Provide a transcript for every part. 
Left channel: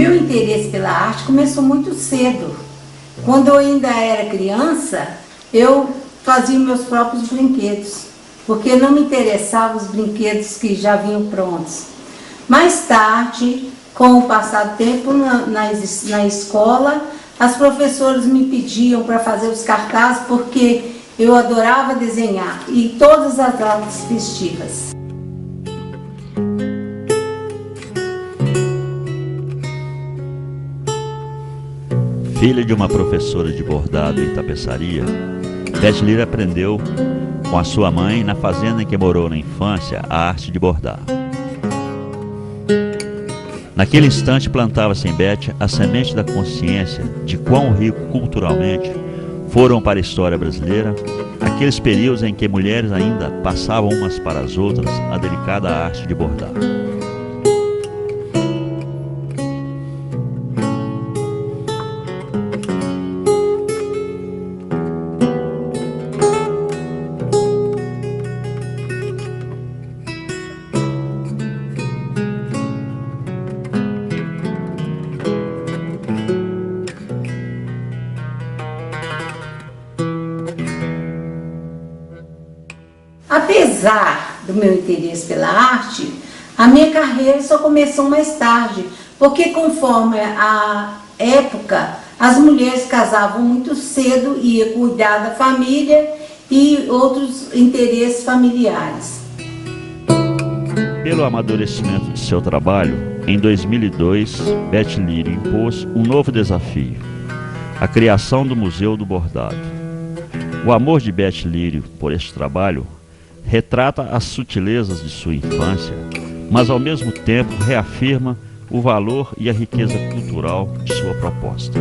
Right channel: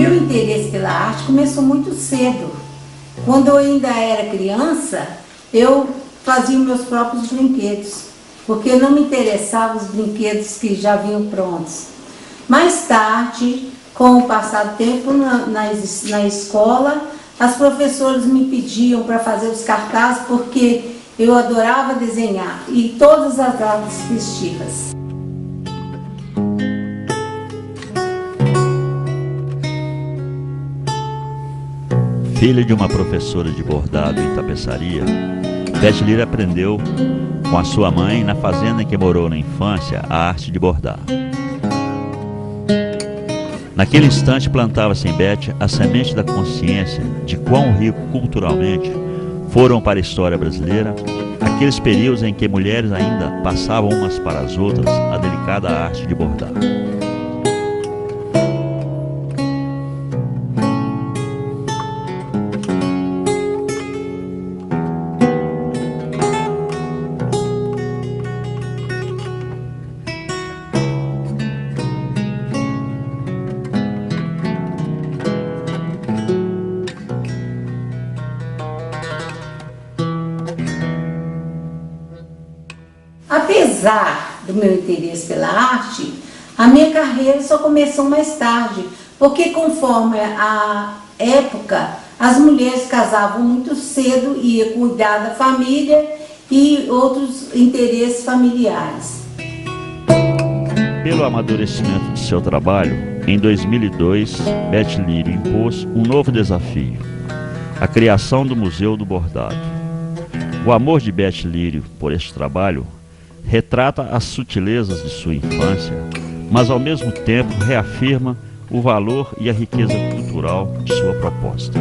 meu interesse pela arte começou muito cedo. Quando eu ainda era criança, eu fazia meus próprios brinquedos, porque não me interessavam os brinquedos que já vinham prontos. Mais tarde, com o passar do tempo na escola, as professoras me pediam para fazer os cartazes porque eu adorava desenhar e todas as datas festivas. Filha de uma professora de bordado e tapeçaria, Beth Lírio aprendeu com a sua mãe, na fazenda em que morou na infância, a arte de bordar. Naquele instante plantava-se em Beth a semente da consciência de quão rico culturalmente foram para a história brasileira aqueles períodos em que mulheres ainda passavam umas para as outras a delicada arte de bordar. Apesar do meu interesse pela arte, a minha carreira só começou mais tarde, porque conforme a época, as mulheres casavam muito cedo e iam cuidar da família e outros interesses familiares. Pelo amadurecimento de seu trabalho, em 2002, Beth Lírio impôs um novo desafio: a criação do Museu do Bordado. O amor de Beth Lírio por este trabalho retrata as sutilezas de sua infância, mas ao mesmo tempo reafirma o valor e a riqueza cultural de sua proposta.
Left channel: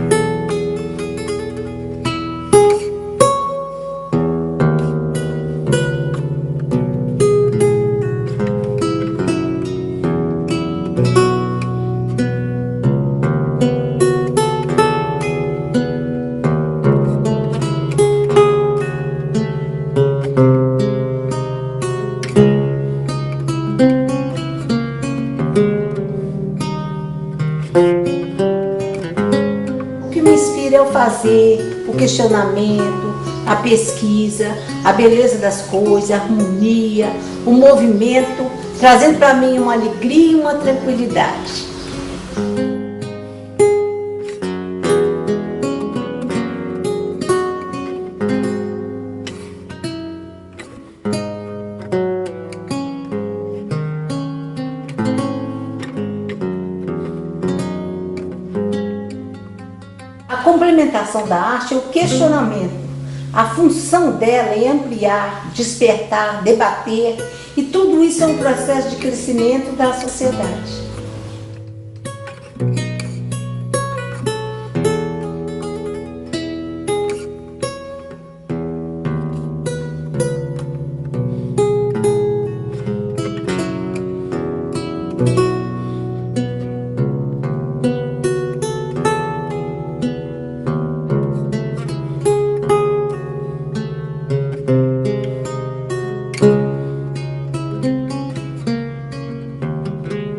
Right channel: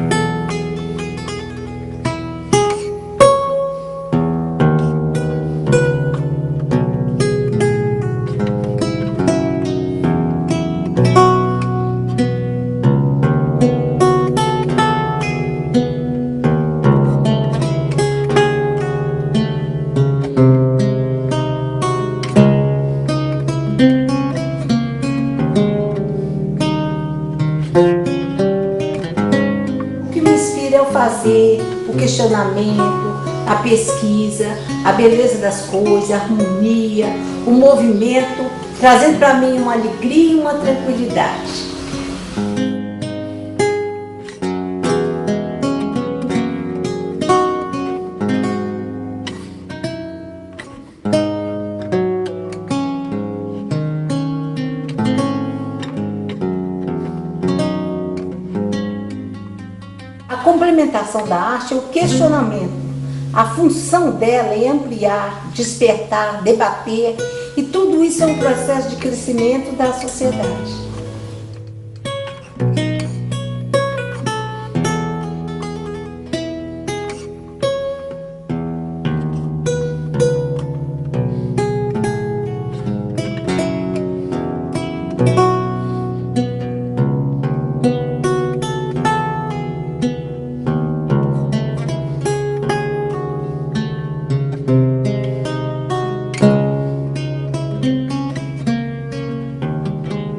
O que me inspira é o fazer, o questionamento, a pesquisa, a beleza das coisas, a harmonia, o movimento, trazendo para mim uma alegria e uma tranquilidade. A complementação da arte é o questionamento. A função dela é ampliar, despertar, debater, e tudo isso é um processo de crescimento da sociedade.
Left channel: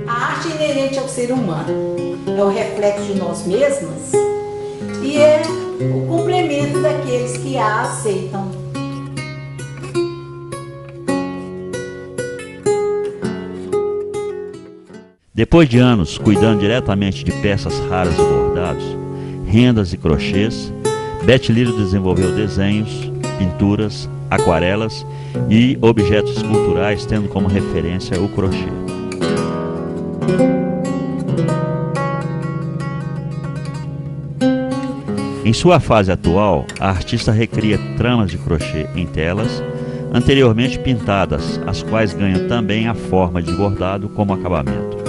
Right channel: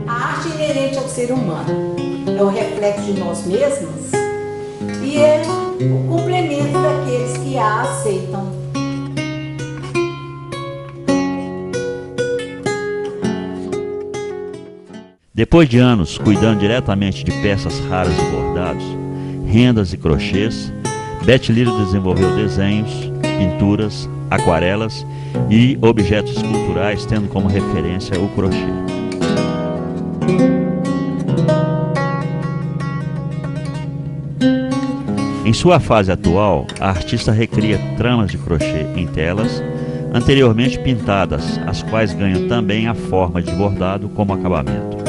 A arte é inerente ao ser humano, é o reflexo de nós mesmos e é o complemento daqueles que a aceitam. Depois de anos cuidando diretamente de peças raras de bordados, rendas e crochês, Beth Lírio desenvolveu desenhos, pinturas, aquarelas e objetos esculturais, tendo como referência o crochê. Em sua fase atual, a artista recria tramas de crochê em telas, anteriormente pintadas, as quais ganham também a forma de bordado como acabamento.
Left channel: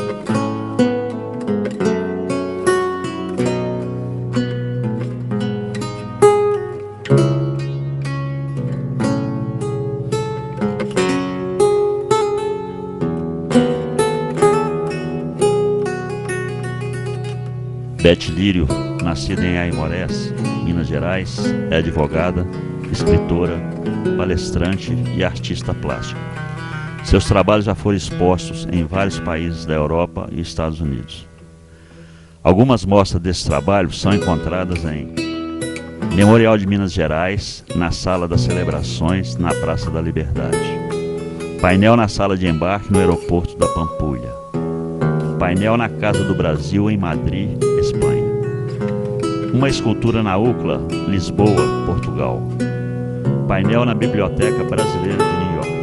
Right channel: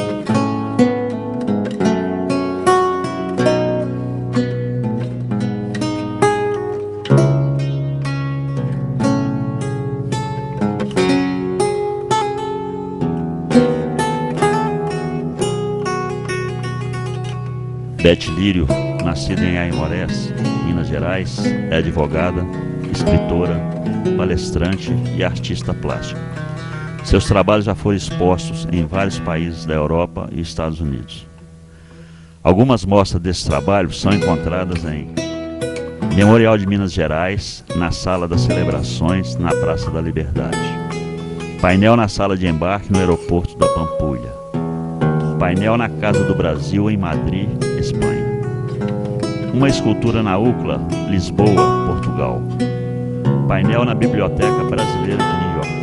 Beth Lírio, nascida em Aimorés, Minas Gerais, é advogada, escritora, palestrante e artista plástica. Seus trabalhos já foram expostos em vários países da Europa e Estados Unidos. Algumas mostras desse trabalho são encontradas em Memorial de Minas Gerais, na Sala das Celebrações, na Praça da Liberdade. Painel na Sala de Embarque, no Aeroporto da Pampulha. Painel na Casa do Brasil, em Madrid, Espanha. Uma escultura na UCLA, Lisboa, Portugal. Painel na Biblioteca Brasileira de New York.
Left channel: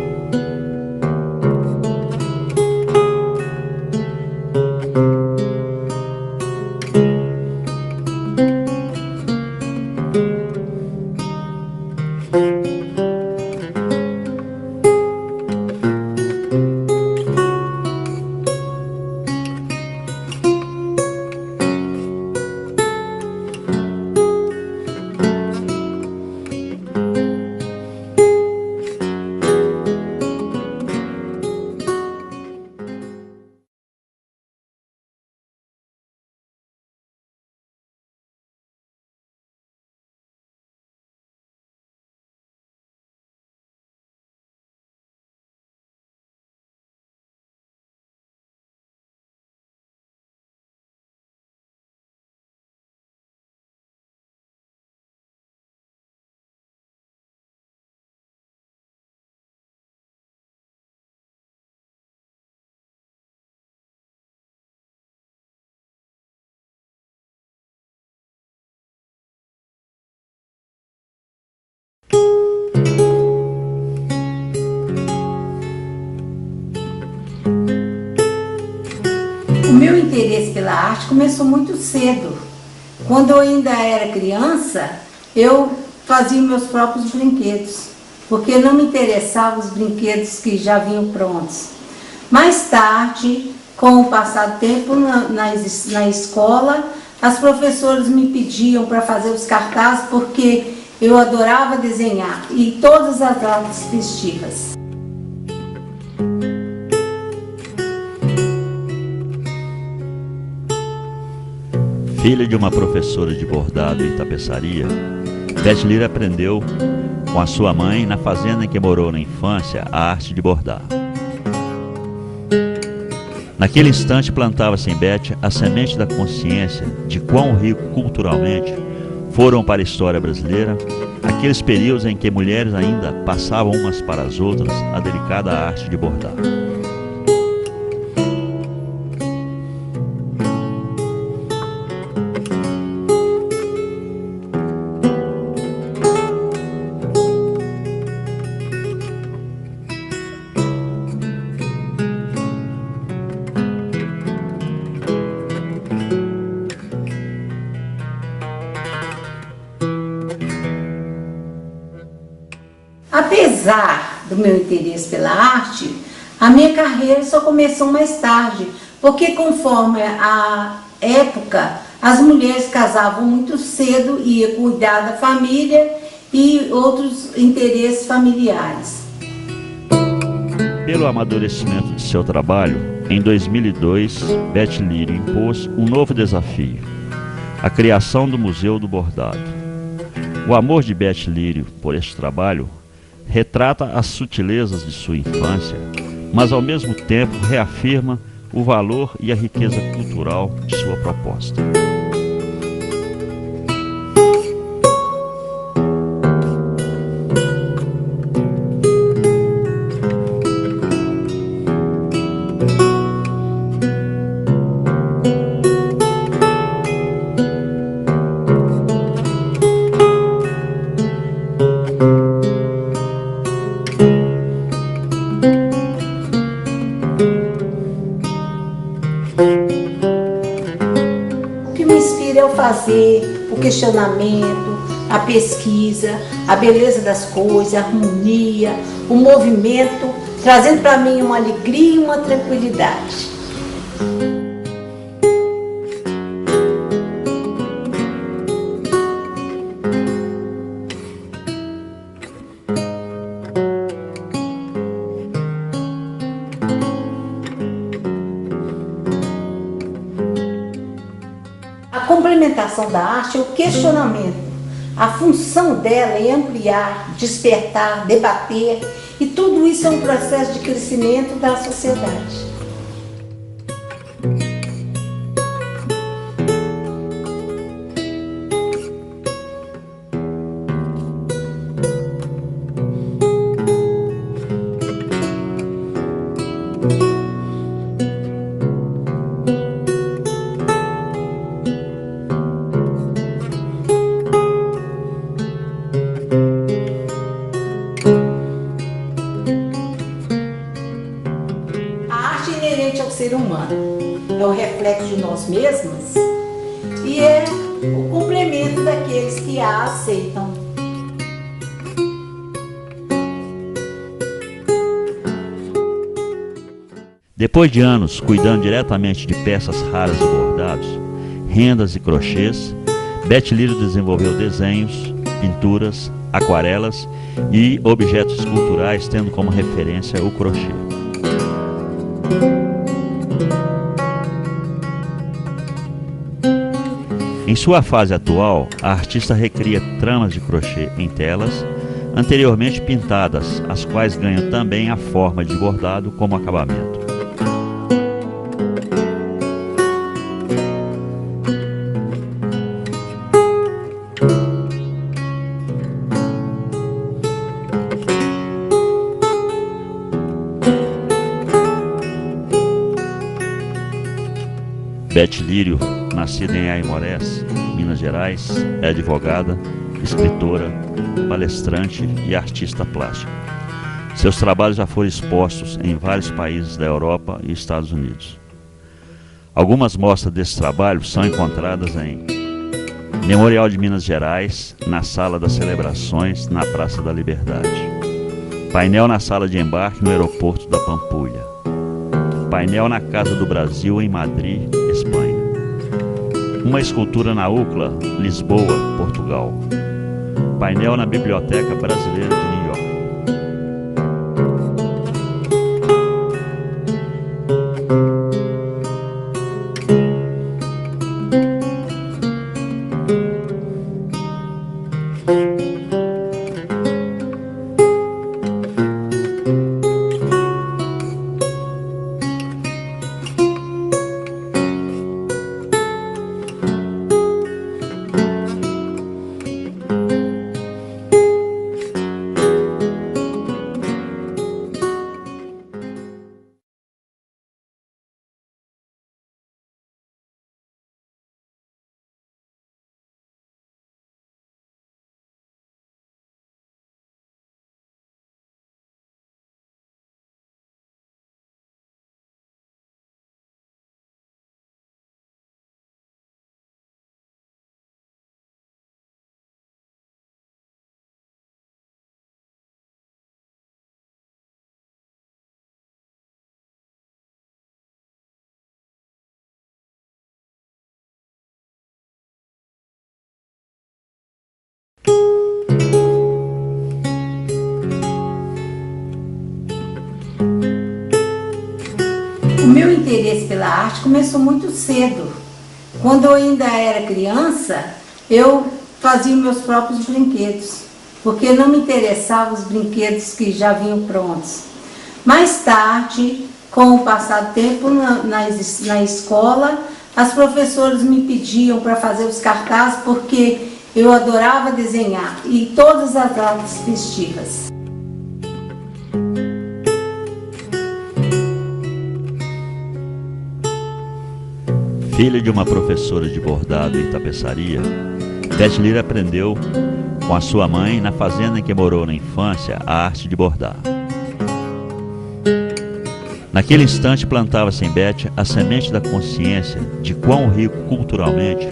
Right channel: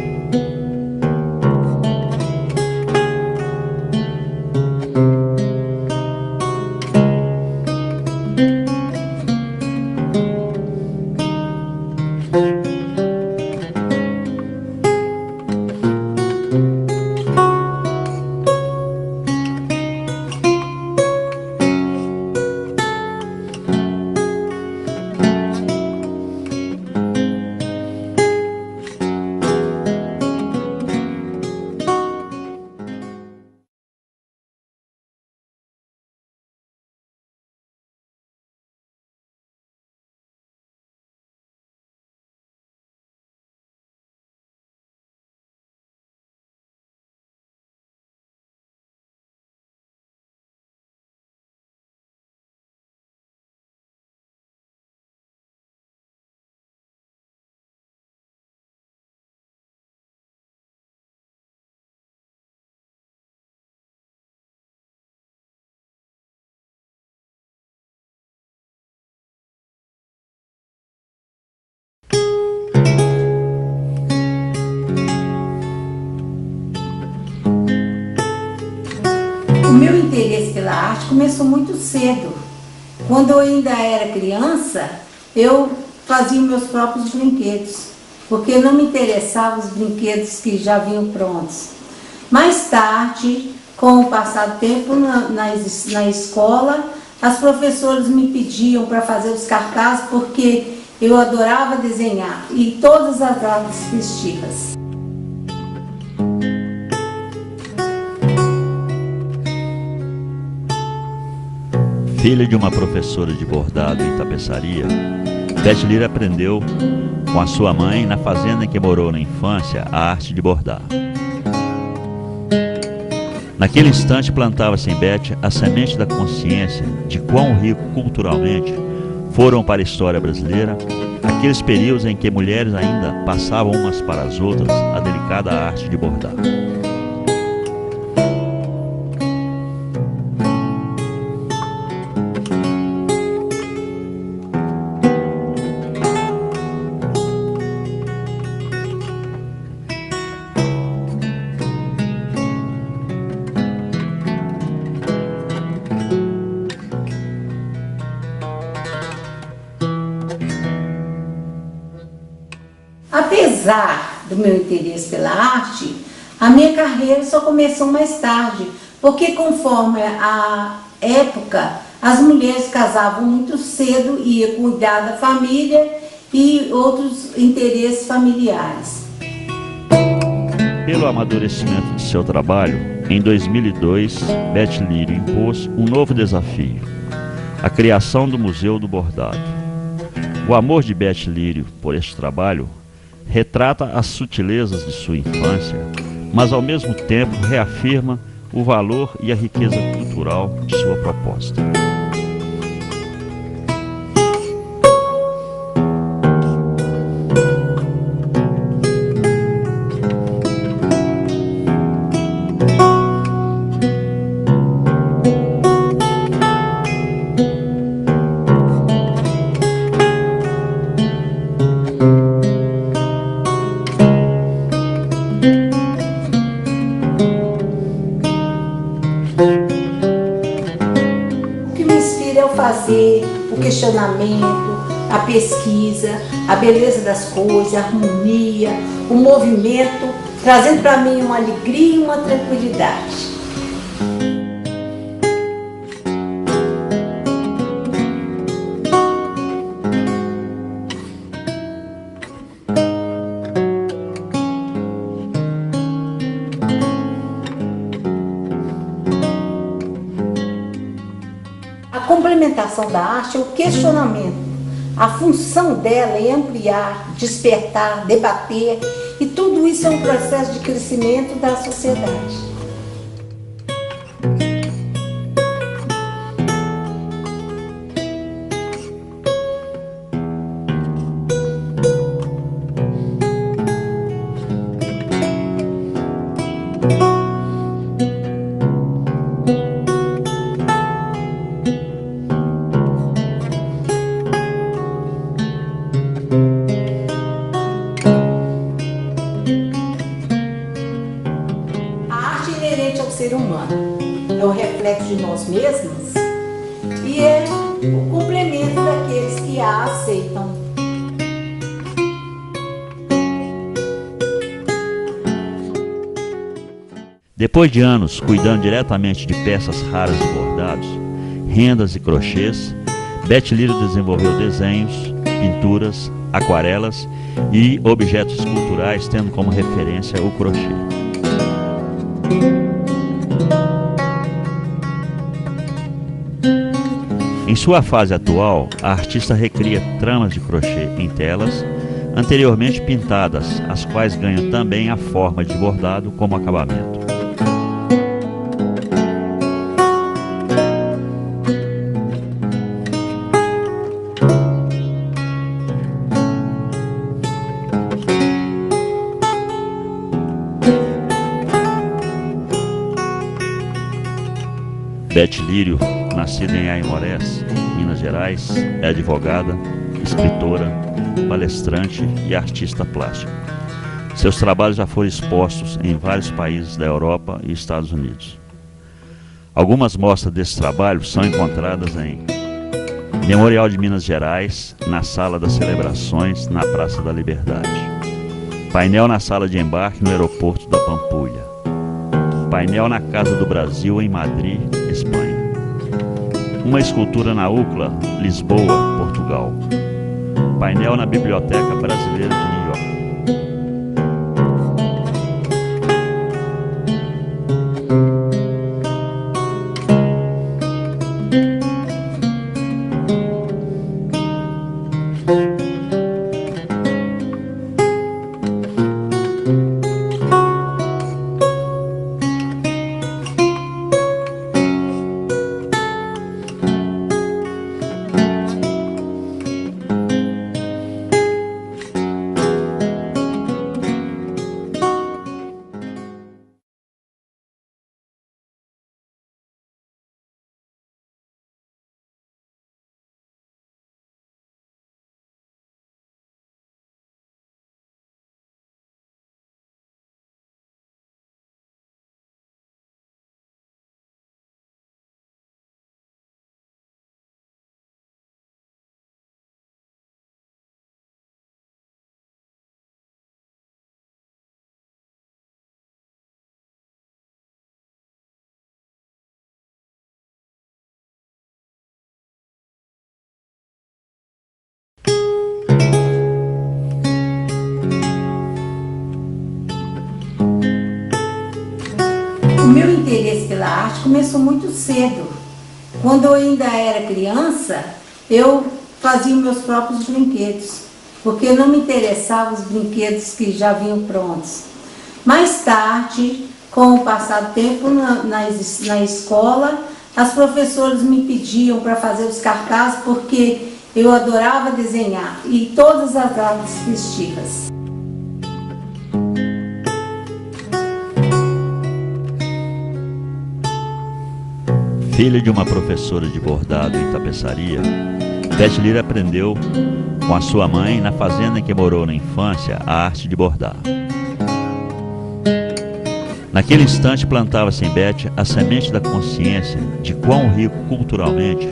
O meu interesse pela arte começou muito cedo. Quando eu ainda era criança, eu fazia meus próprios brinquedos, porque não me interessavam os brinquedos que já vinham prontos. Mais tarde, com o passar do tempo na escola, as professoras me pediam para fazer os cartazes, porque eu adorava desenhar, e todas as datas festivas. Filha de uma professora de bordado e tapeçaria, Beth Lira aprendeu com a sua mãe, na fazenda em que morou na infância, a arte de bordar. Naquele instante plantava-se em Beth a semente da consciência de quão rico culturalmente foram para a história brasileira aqueles períodos em que mulheres ainda passavam umas para as outras a delicada arte de bordar. Apesar do meu interesse pela arte, a minha carreira só começou mais tarde, porque conforme a época, as mulheres casavam muito cedo e iam cuidar da família e outros interesses familiares. Pelo amadurecimento de seu trabalho, em 2002, Beth Lírio impôs um novo desafio: a criação do Museu do Bordado. O amor de Beth Lírio por este trabalho retrata as sutilezas de sua infância, mas ao mesmo tempo reafirma o valor e a riqueza cultural de sua proposta. O que me inspira é o fazer, o questionamento, a pesquisa, a beleza das coisas, a harmonia, o movimento, trazendo para mim uma alegria e uma tranquilidade. A complementação da arte é o questionamento. A função dela é ampliar, despertar, debater, e tudo isso é um processo de crescimento da sociedade. inerente ao ser humano. É um reflexo de nós mesmos e é o complemento daqueles que a aceitam. Depois de anos cuidando diretamente de peças raras de bordados, rendas e crochês, Beth Lírio desenvolveu desenhos, pinturas, aquarelas e objetos esculturais, tendo como referência o crochê. Em sua fase atual, a artista recria tramas de crochê em telas, anteriormente pintadas, as quais ganham também a forma de bordado como acabamento. Beth Lírio, nascida em Aimorés, Minas Gerais, é advogada, escritora, palestrante e artista plástica. Seus trabalhos já foram expostos em vários países da Europa e Estados Unidos. Algumas mostras desse trabalho são encontradas em Memorial de Minas Gerais, na Sala das Celebrações, na Praça da Liberdade. Painel na Sala de Embarque no Aeroporto da Pampulha. Painel na Casa do Brasil, em Madrid, Espanha. Uma escultura na UCLA, Lisboa, Portugal. Painel na Biblioteca Brasileira de New York. O meu interesse pela arte começou muito cedo. Quando eu ainda era criança, eu fazia meus próprios brinquedos, porque não me interessavam os brinquedos que já vinham prontos. Mais tarde, com o passar do tempo na escola, as professoras me pediam para fazer os cartazes, porque eu adorava desenhar, e todas as datas festivas. Filha de uma professora de bordado e tapeçaria, Beth Lírio aprendeu com a sua mãe, na fazenda em que morou na infância, a arte de bordar. Naquele instante plantava-se em Beth a semente da consciência de quão rico culturalmente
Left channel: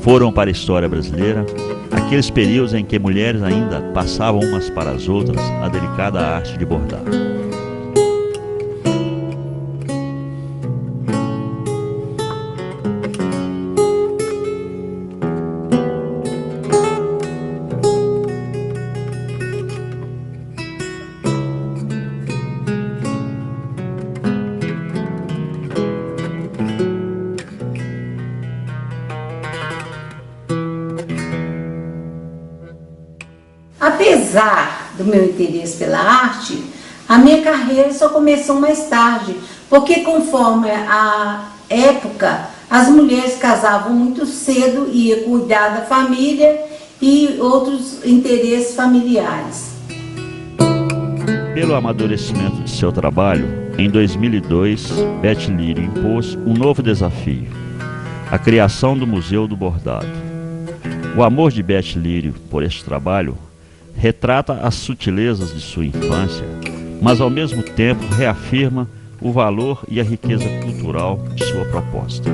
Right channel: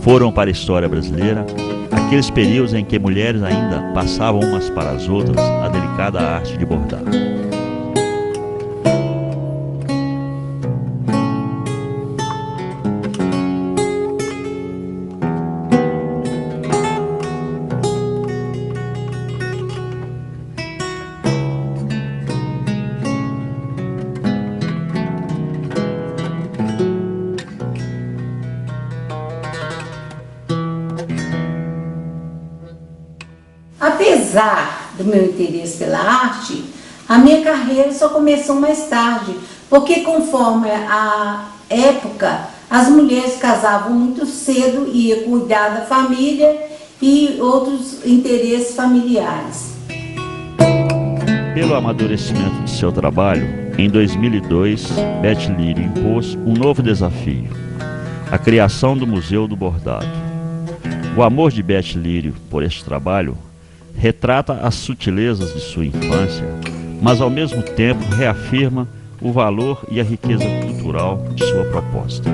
foram para a história brasileira aqueles períodos em que mulheres ainda passavam umas para as outras a delicada arte de bordar. Apesar do meu interesse pela arte, a minha carreira só começou mais tarde, porque conforme a época, as mulheres casavam muito cedo e iam cuidar da família e outros interesses familiares. Pelo amadurecimento de seu trabalho, em 2002, Beth Lírio impôs um novo desafio: a criação do Museu do Bordado. O amor de Beth Lírio por este trabalho retrata as sutilezas de sua infância, mas ao mesmo tempo reafirma o valor e a riqueza cultural de sua proposta.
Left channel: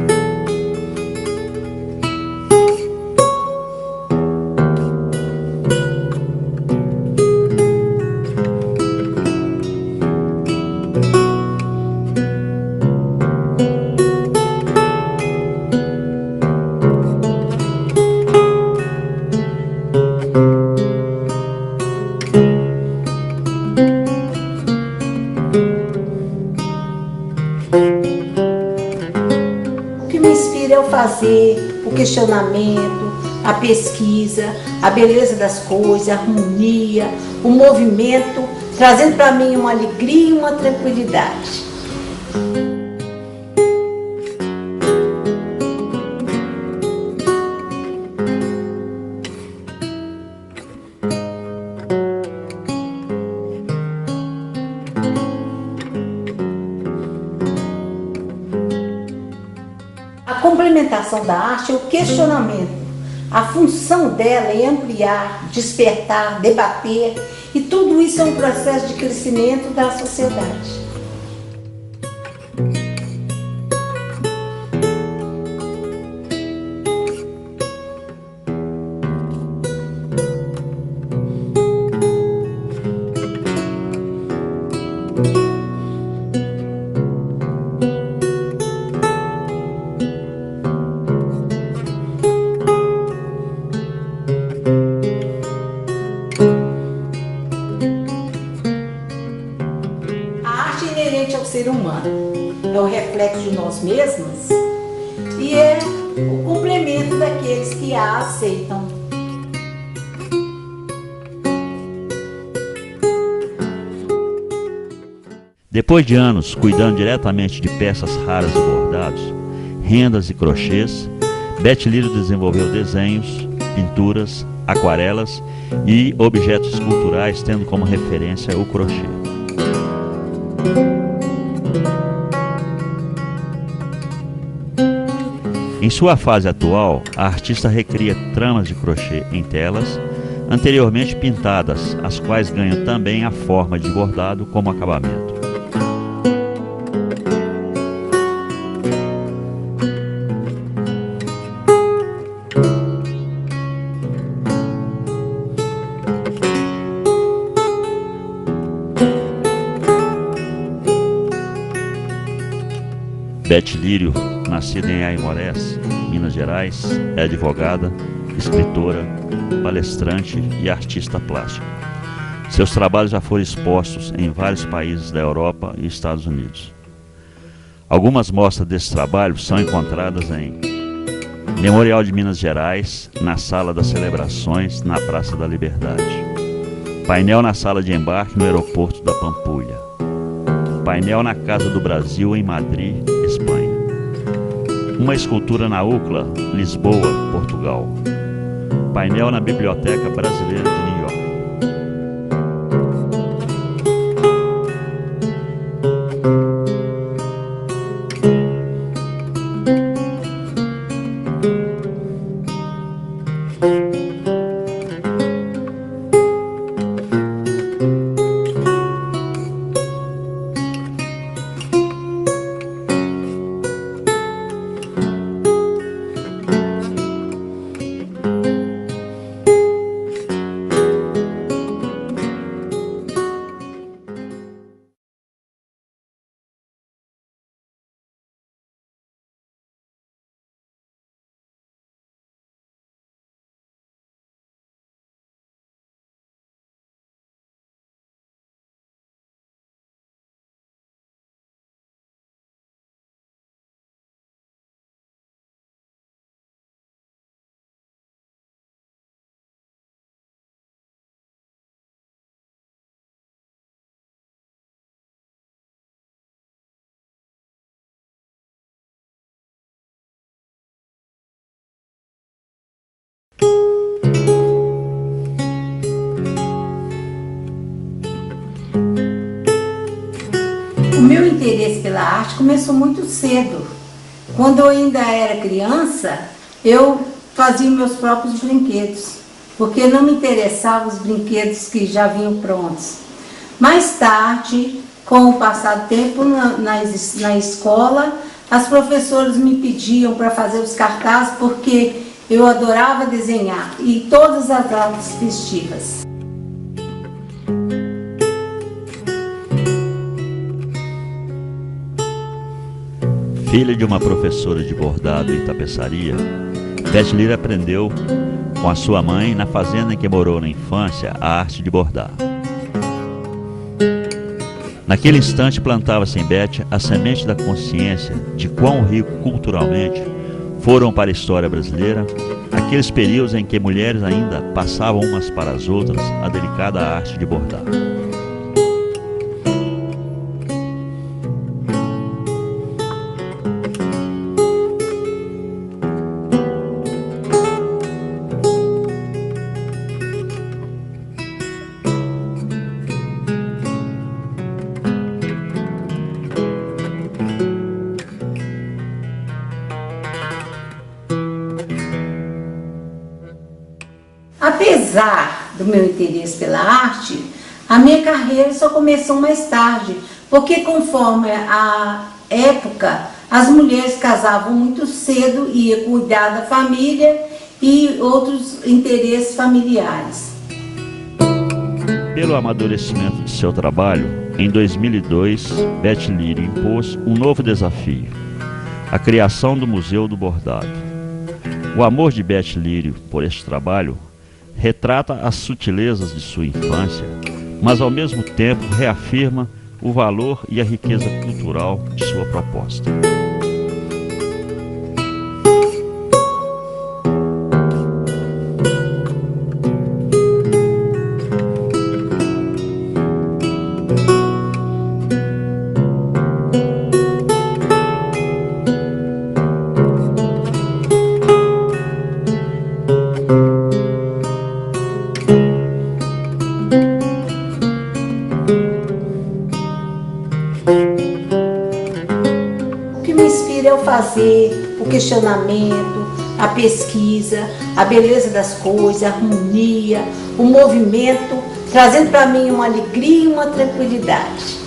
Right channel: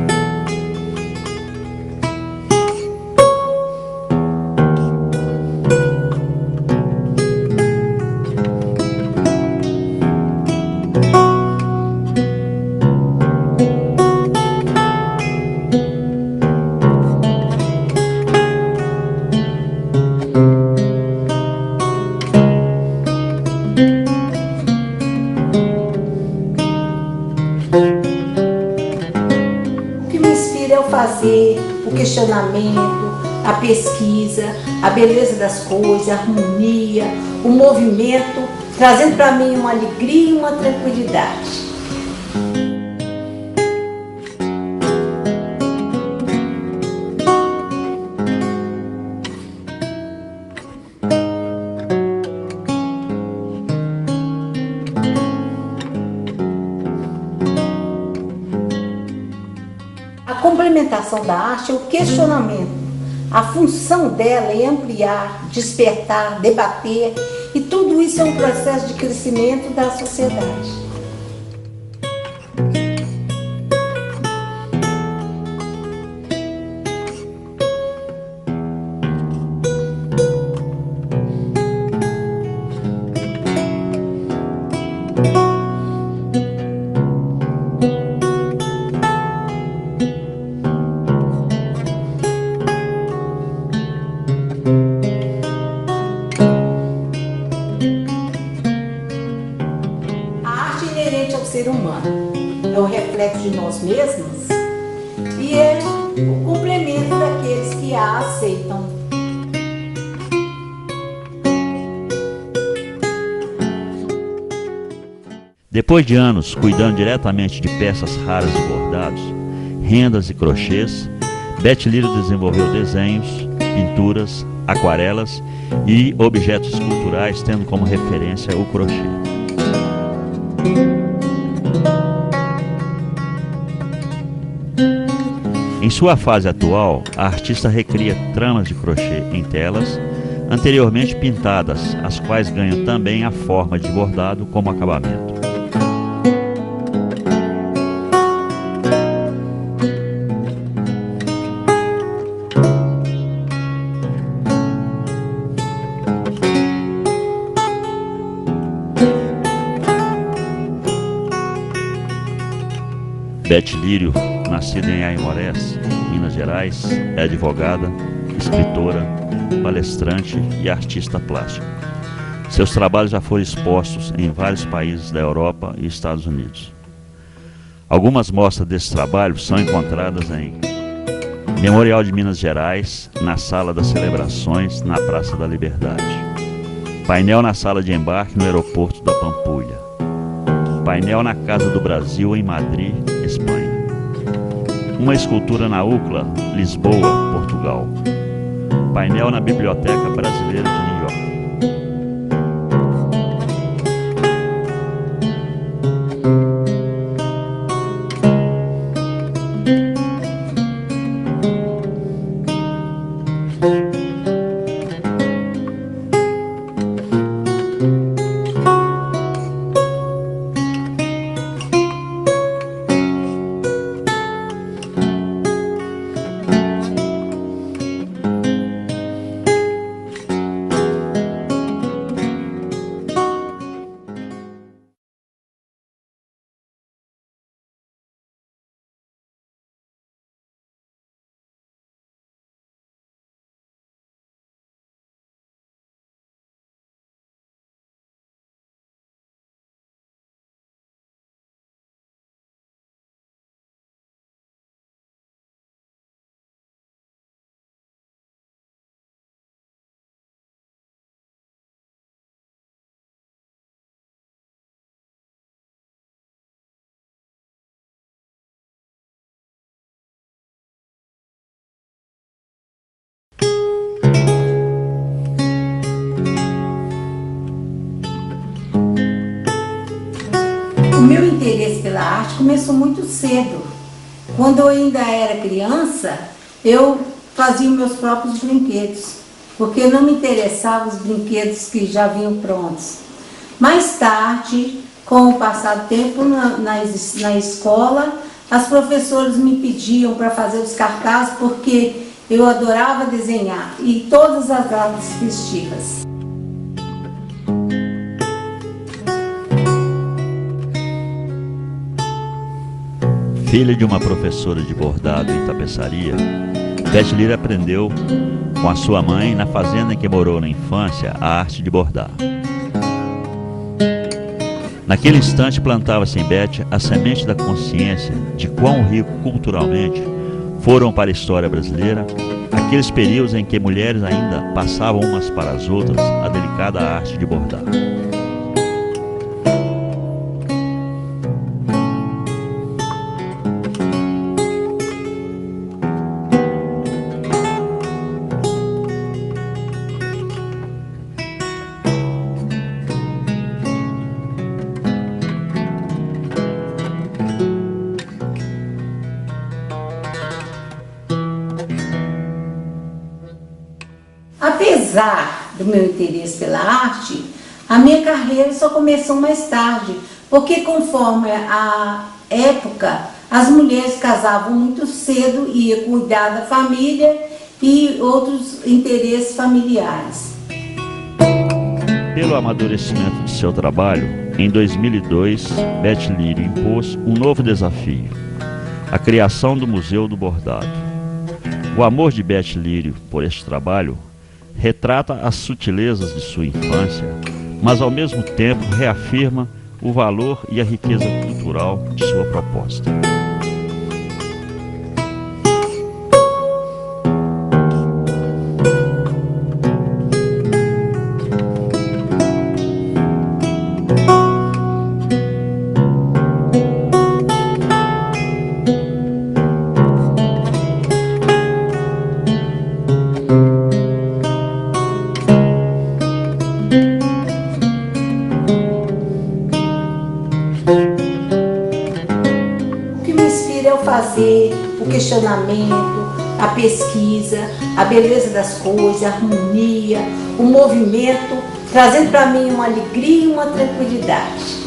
O que me inspira é o fazer, o questionamento, a pesquisa, a beleza das coisas, a harmonia, o movimento, trazendo para mim uma alegria e uma tranquilidade. A complementação da arte é o questionamento. A função dela é ampliar, despertar, debater, e tudo isso é um processo de crescimento da sociedade. A arte é inerente ao ser humano, é o reflexo de nós mesmos e é o complemento daqueles que a aceitam. Depois de anos cuidando diretamente de peças raras de bordados, rendas e crochês, Beth Lírio desenvolveu desenhos, pinturas, aquarelas e objetos culturais, tendo como referência o crochê. Em sua fase atual, a artista recria tramas de crochê em telas, anteriormente pintadas, as quais ganham também a forma de bordado como acabamento. Beth Lírio, nascida em Aimorés, Minas Gerais, é advogada, escritora, palestrante e artista plástica. Seus trabalhos já foram expostos em vários países da Europa e Estados Unidos. Algumas mostras desse trabalho são encontradas em Memorial de Minas Gerais, na Sala das Celebrações, na Praça da Liberdade. Painel na Sala de Embarque no Aeroporto da Pampulha. Painel na Casa do Brasil, em Madrid, Espanha. Uma escultura na UCLA, Lisboa, Portugal. Painel na Biblioteca Brasileira de New York. O meu interesse pela arte começou muito cedo. Quando eu ainda era criança, eu fazia meus próprios brinquedos, porque não me interessavam os brinquedos que já vinham prontos. Mais tarde, Com o passar do tempo na escola, as professoras me pediam para fazer os cartazes porque eu adorava desenhar e todas as datas festivas. Filha de uma professora de bordado e tapeçaria, Beth Lírio aprendeu com a sua mãe, na fazenda em que morou na infância, a arte de bordar. Naquele instante plantava-se em Beth a semente da consciência de quão rico culturalmente foram para a história brasileira aqueles períodos em que mulheres ainda passavam umas para as outras a delicada arte de bordar. Apesar do meu interesse pela arte, a minha carreira só começou mais tarde, porque conforme a época, as mulheres casavam muito cedo e ia cuidar da família e outros interesses familiares. Pelo amadurecimento de seu trabalho, em 2002, Beth Lírio impôs um novo desafio: a criação do Museu do Bordado. O amor de Beth Lírio por este trabalho retrata as sutilezas de sua infância, mas ao mesmo tempo reafirma o valor e a riqueza cultural de sua proposta. O que me inspira é o fazer, o questionamento, a pesquisa, a beleza das coisas, a harmonia, o movimento, trazendo para mim uma alegria e uma tranquilidade.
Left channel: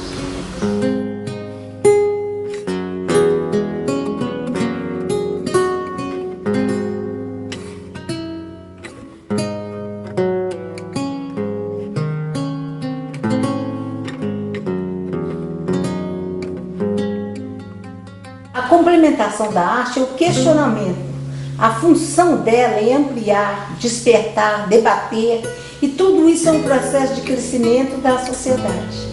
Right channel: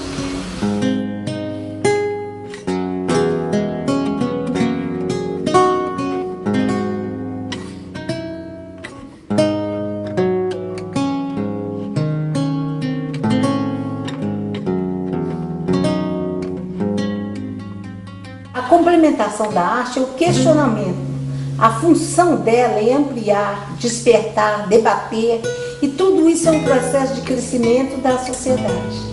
A complementação da arte é o questionamento. A função dela é ampliar, despertar, debater, e tudo isso é um processo de crescimento da sociedade.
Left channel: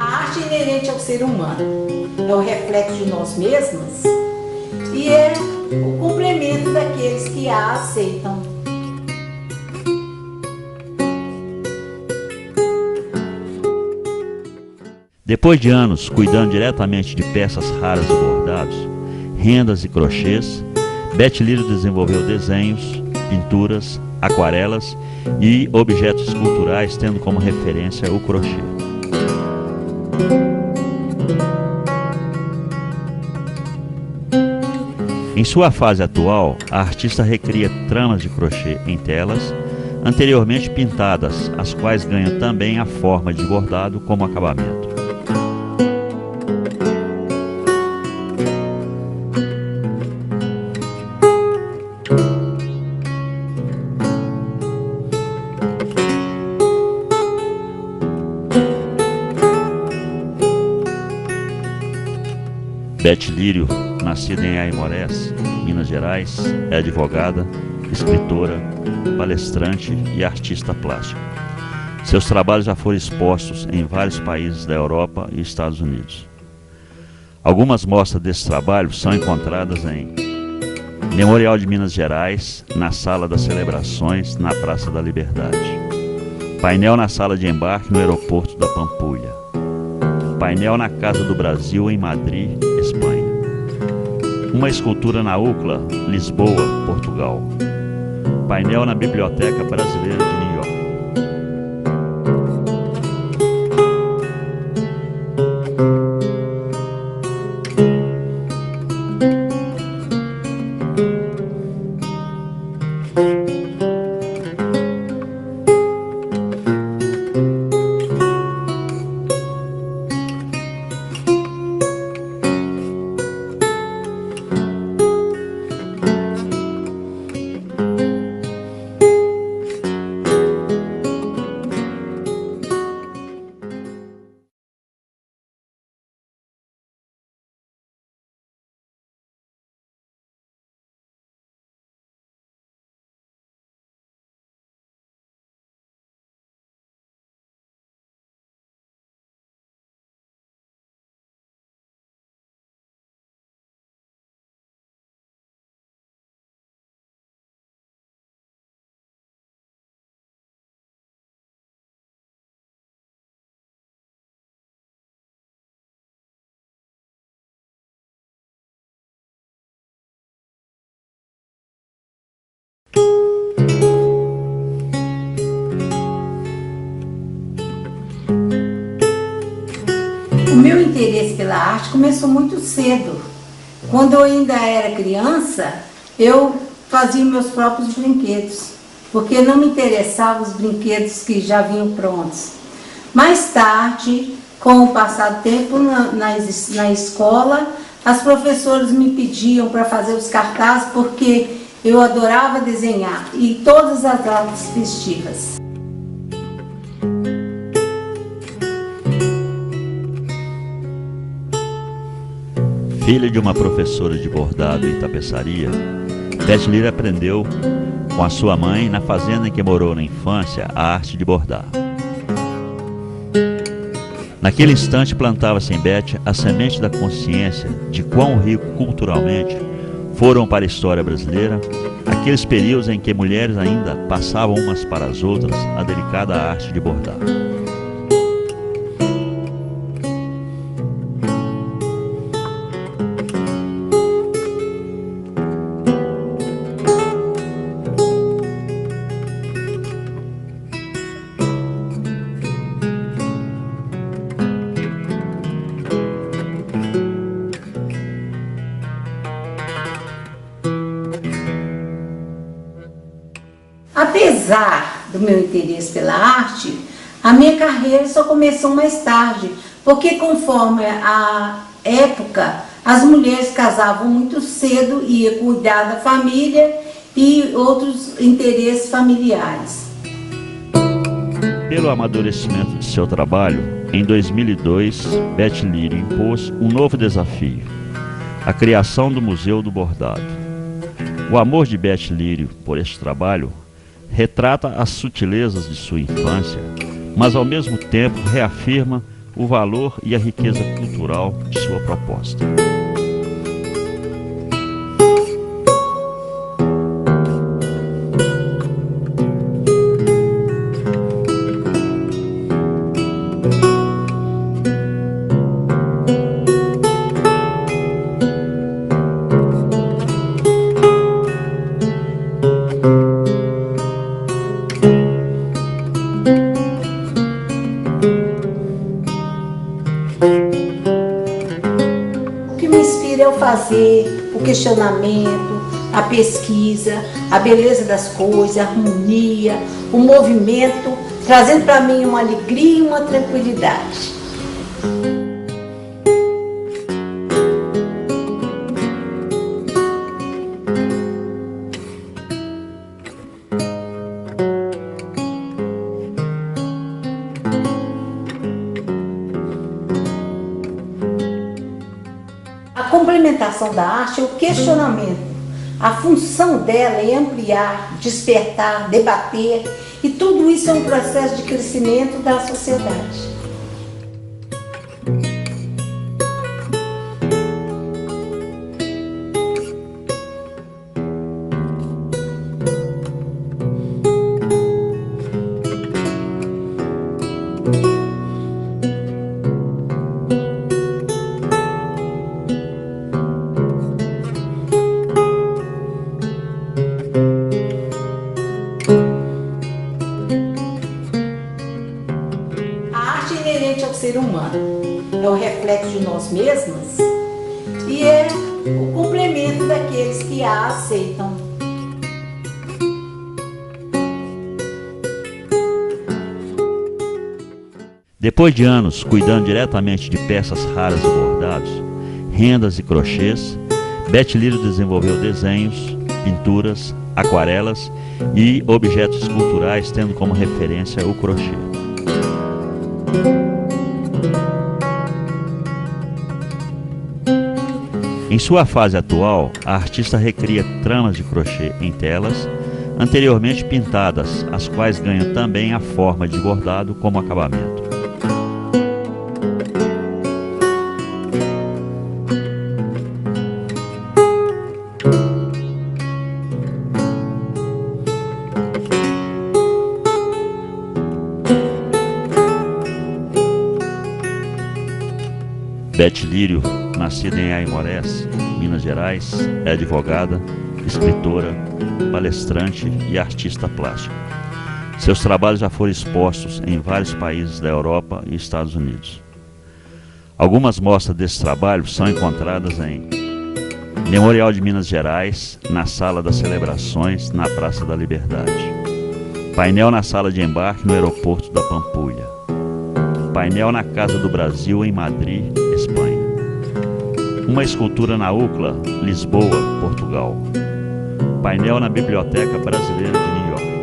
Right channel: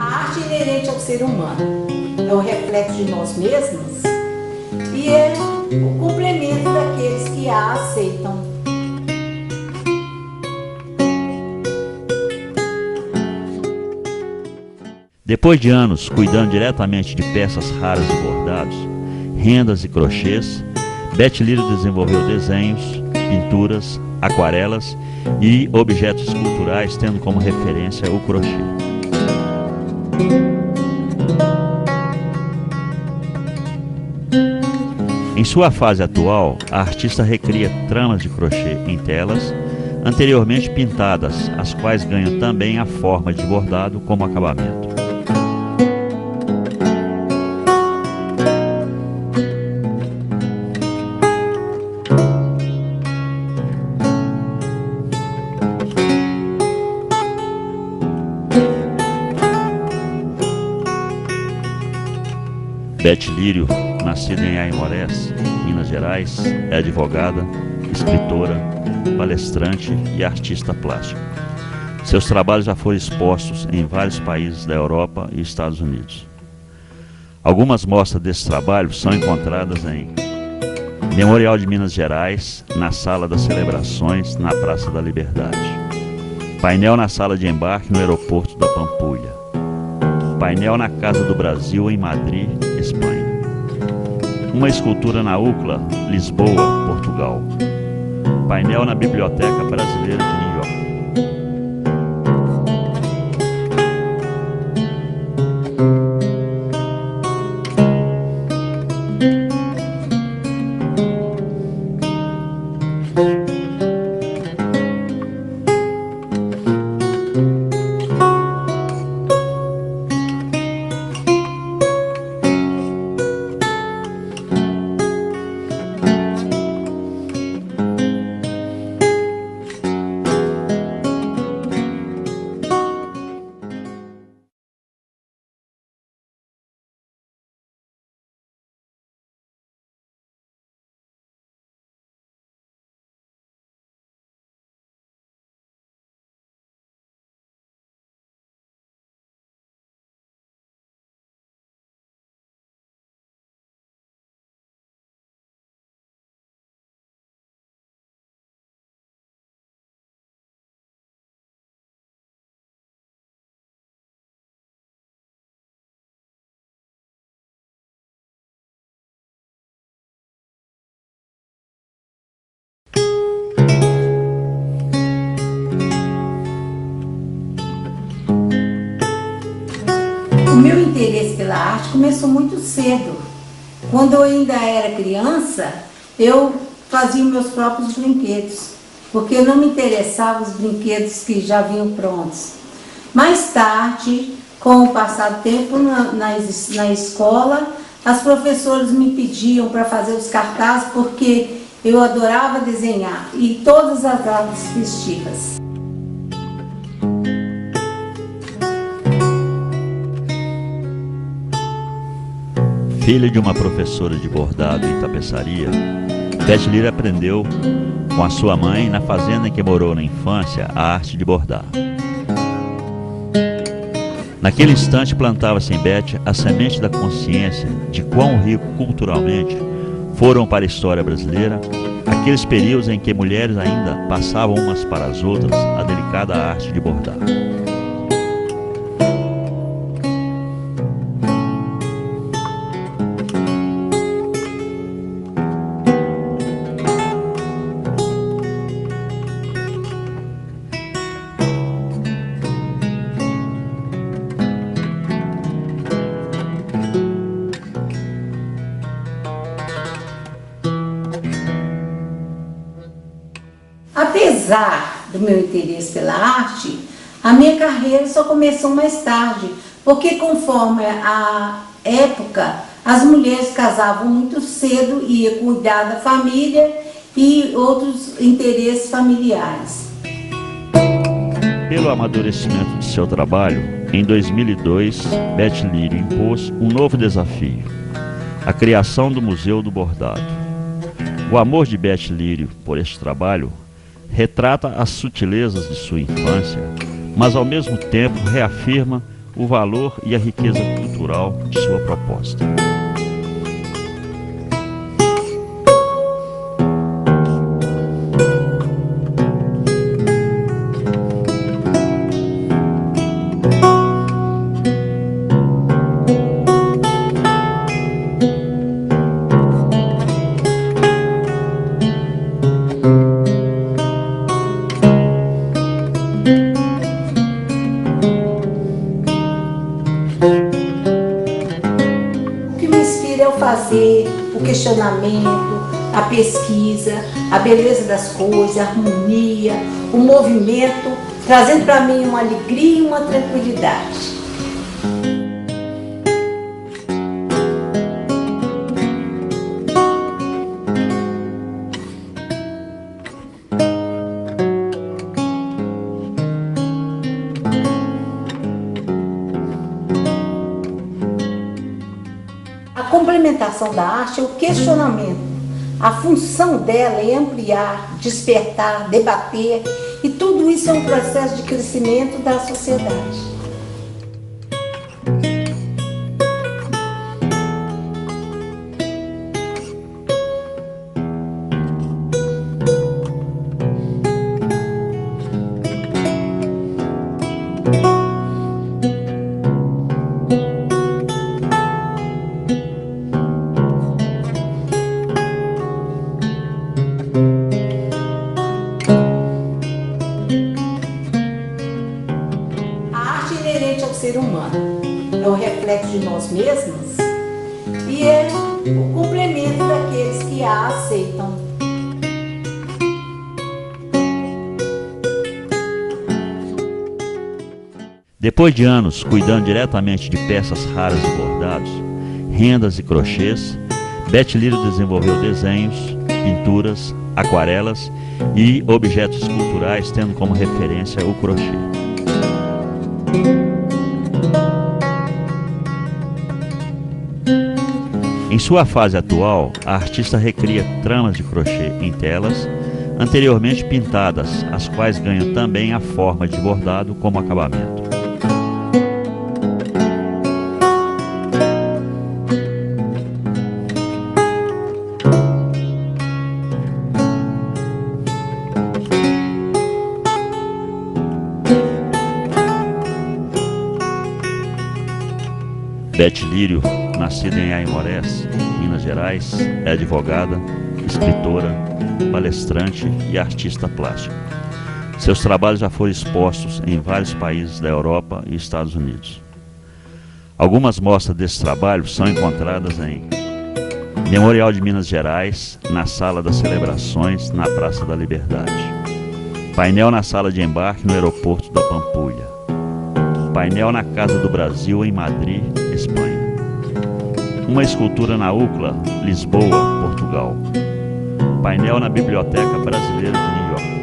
A arte é inerente ao ser humano, é o reflexo de nós mesmos e é o complemento daqueles que a aceitam. Depois de anos cuidando diretamente de peças raras de bordados, rendas e crochês, Beth Lírio desenvolveu desenhos, pinturas, aquarelas e objetos esculturais, tendo como referência o crochê. Em sua fase atual, a artista recria tramas de crochê em telas, anteriormente pintadas, as quais ganham também a forma de bordado como acabamento. Beth Lírio, nascida em Aimorés, Minas Gerais, é advogada, escritora, palestrante e artista plástica. Seus trabalhos já foram expostos em vários países da Europa e Estados Unidos. Algumas mostras desse trabalho são encontradas em Memorial de Minas Gerais, na Sala das Celebrações, na Praça da Liberdade. Painel na Sala de Embarque, no Aeroporto da Pampulha. Painel na Casa do Brasil, em Madrid, Espanha. Uma escultura na UCLA, Lisboa, Portugal. Painel na Biblioteca Brasileira de New York. O meu interesse pela arte começou muito cedo. Quando eu ainda era criança, eu fazia meus próprios brinquedos, porque não me interessavam os brinquedos que já vinham prontos. Mais tarde, com o passar do tempo na escola, as professoras me pediam para fazer os cartazes, porque eu adorava desenhar, e todas as datas festivas. Filha de uma professora de bordado e tapeçaria, Beth Leary aprendeu com a sua mãe, na fazenda em que morou na infância, a arte de bordar. Naquele instante plantava-se em Beth a semente da consciência de quão rico culturalmente foram para a história brasileira aqueles períodos em que mulheres ainda passavam umas para as outras a delicada arte de bordar. Apesar do meu interesse pela arte, a minha carreira só começou mais tarde, porque conforme a época, as mulheres casavam muito cedo e iam cuidar da família e outros interesses familiares. Pelo amadurecimento de seu trabalho, em 2002, Beth Leary impôs um novo desafio: a criação do Museu do Bordado. O amor de Beth Leary por este trabalho retrata as sutilezas de sua infância, mas ao mesmo tempo reafirma o valor e a riqueza cultural de sua proposta. O que me inspira é o fazer, o questionamento, a pesquisa, a beleza das coisas, a harmonia, o movimento, trazendo para mim uma alegria e uma tranquilidade. A complementação da arte é o questionamento. A função dela é ampliar, despertar, debater, e tudo isso é um processo de crescimento da sociedade. arte é inerente ao ser humano, é o reflexo de nós mesmos e é o complemento daqueles que a aceitam. Depois de anos cuidando diretamente de peças raras de bordados, rendas e crochês, Beth Lírio desenvolveu desenhos, pinturas, aquarelas e objetos esculturais, tendo como referência o crochê. Em sua fase atual, a artista recria tramas de crochê em telas, anteriormente pintadas, as quais ganham também a forma de bordado como acabamento. Beth Lírio, nascida em Aimorés, Minas Gerais, é advogada, escritora, palestrante e artista plástica. Seus trabalhos já foram expostos em vários países da Europa e Estados Unidos. Algumas mostras desse trabalho são encontradas em Memorial de Minas Gerais, na Sala das Celebrações, na Praça da Liberdade. Painel na Sala de Embarque no Aeroporto da Pampulha. Painel na Casa do Brasil, em Madrid, Espanha. Uma escultura na UCLA, Lisboa, Portugal. Painel na Biblioteca Brasileira de New York.